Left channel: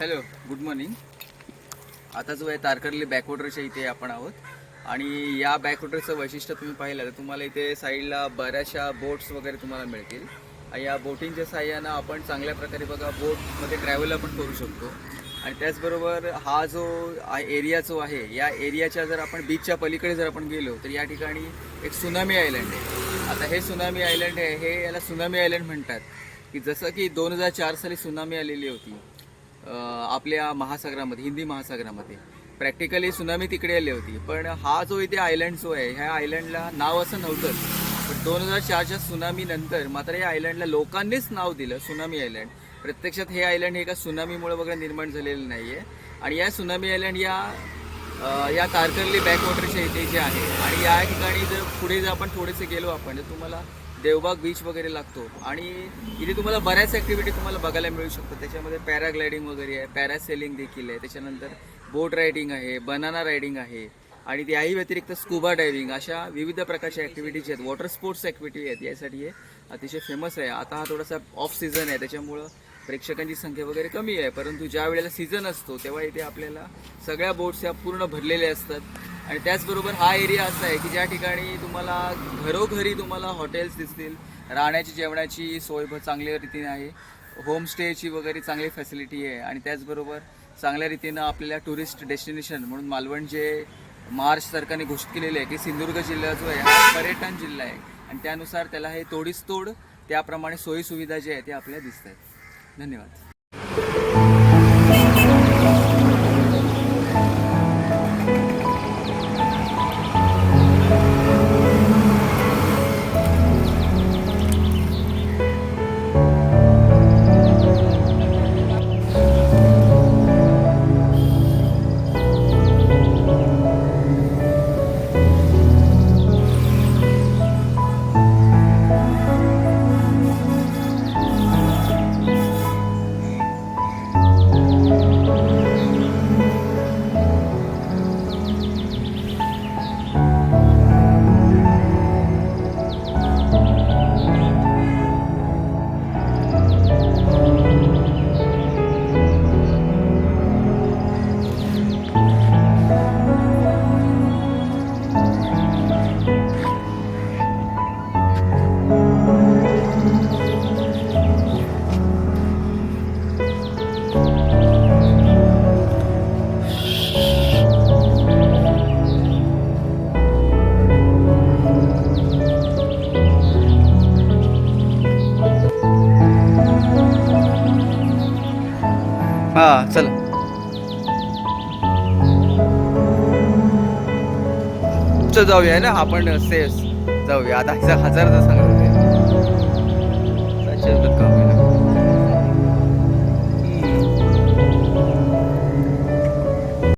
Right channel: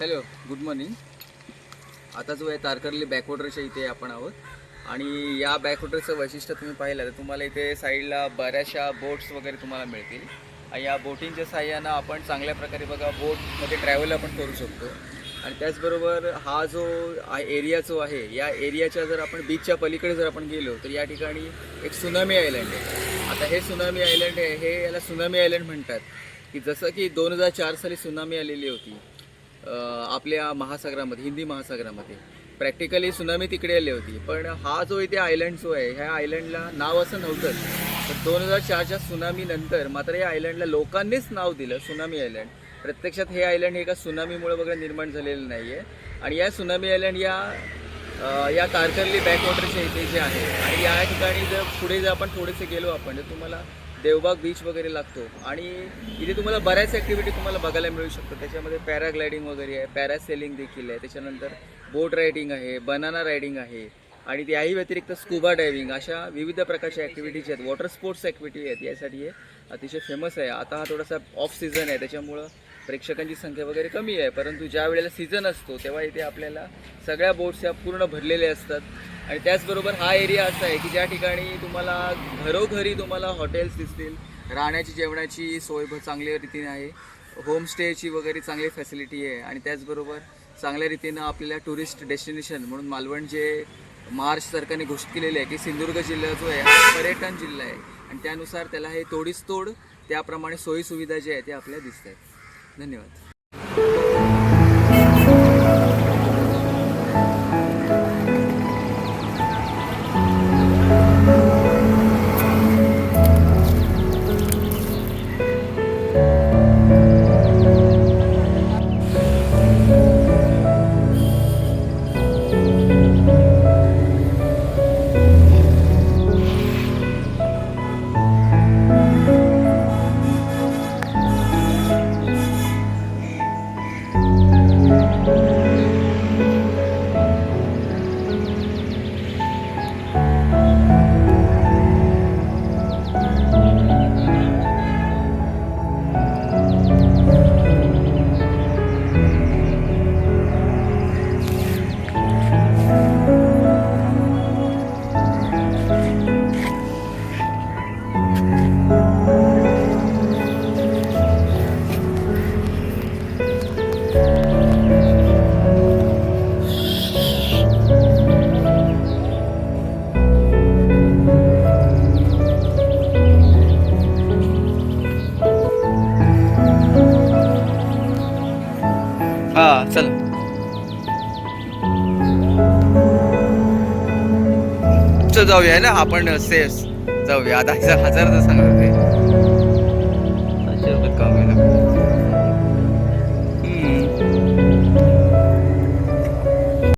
Hello, good morning. आता जो आहे तारकर्ली बॅकवॉटरच्या इथे आपण आहोत आणि या बॅकवॉटरचं वैशिष्ट्य तुम्ही पाहिलं तर तुम्हाला इथे साईडला बऱ्याचशा बोट्स वगैरे तुम्हाला मिळतील. आणि या बोटिंगच्या साह्यानं आपण चांगल्या प्रकारे बघा बोटमध्ये ट्रॅव्हल आपण करू शकतो. आणि त्याचबरोबर हा जो एरिया जो आहे या एरियाच्या जर आपण बीचच्या पलीकडे जर आपण गेलो तर या ठिकाणी एक सुनामी आयलंड आहे. आता हे सुनामी आयलंड आहे, हे याला सुनामी आयलंड म्हणतात की जसं की 2004 साली सुनामी आलेली होती आपल्या महासागरामध्ये, हिंदी महासागरामध्ये. प्रॅक्टिकली सुनामी तिकडे आली होती, पण हा जो इथे आयलंड जो आहे ह्या आयलंडला नाव असं नव्हतंच. तर 2004च्या सुनामी नंतर मात्र या आयलंडला लोकांनीच नाव दिलं सुनामी आयलंड. प्रत्यक्षात हे आयलंड हे एका सुनामीमुळे वगैरे निर्माण झालेलं नाही आहे. आणि या सुनामी आयलंड या तारकर्ली बॅकवॉटरच्या इथे जे आहे आणि या ठिकाणी जर पुढे जर आपण थोडेसे गेलो आपण तर तुम्हाला देवबाग बीच वगैरे लागतो. आणि इथे तुम्हाला बऱ्याच ॲक्टिव्हिटी तुम्हाला बघायला मिळू शकतात. त्याच्यामध्ये पॅराग्लायडिंग वगैरे आहे, पॅरासेलिंग देखील आहे, त्याच्यानंतर बोट रायडिंग आहे, बनाना रायडिंग आहे आणि त्याही व्यतिरिक्त स्कुबा डायव्हिंग अशा विविध प्रकारच्या ॲक्टिव्हिटीज आहेत. वॉटर स्पोर्ट्स ॲक्टिव्हिटी आहेत, यासाठी हे अतिशय फेमस आहे. आता हा थोडासा ऑफ सीझन आहे त्याच्यामुळं प्रेक्षकांची संख्या वगैरे कमी आहे, परंतु ज्या वेळेला सीझन असतो तेव्हा इथे आपल्याला सगळ्या बोट्स या पूर्ण भरलेल्या असतात. आणि त्याचबरोबर हा एरिया असा आहे की ज्या ठिकाणी तुम्हाला घरोघरी तुम्हाला हॉटेल्स दिसतील, राहण्याची जेवणाची सोय चांगल्या रीतीने आहे, होमस्टेची वगैरे चांगली फॅसिलिटी आहे. आणि त्याचबरोबर चांगल्या रीतीनं आपल्याला टुरिस्ट डेस्टिनेशन म्हणून मालवण जे महाराष्ट्र सरकारने घोषित केलेले आहे की सिंधुदुर्ग जिल्हा जो आहे हा पर्यटन जिल्हा आहे आणि त्यानुसार त्याला हे तोडीस तोड त्याप्रमाणे सोयीसुविधा जे आहे ते आपल्याला दिसत आहेत. धन्यवाद. हां, चला चल जाऊया ना आपण सेफ जाऊया. आता 1000 सांगत होते, 700 रुपयात काम आहे ना.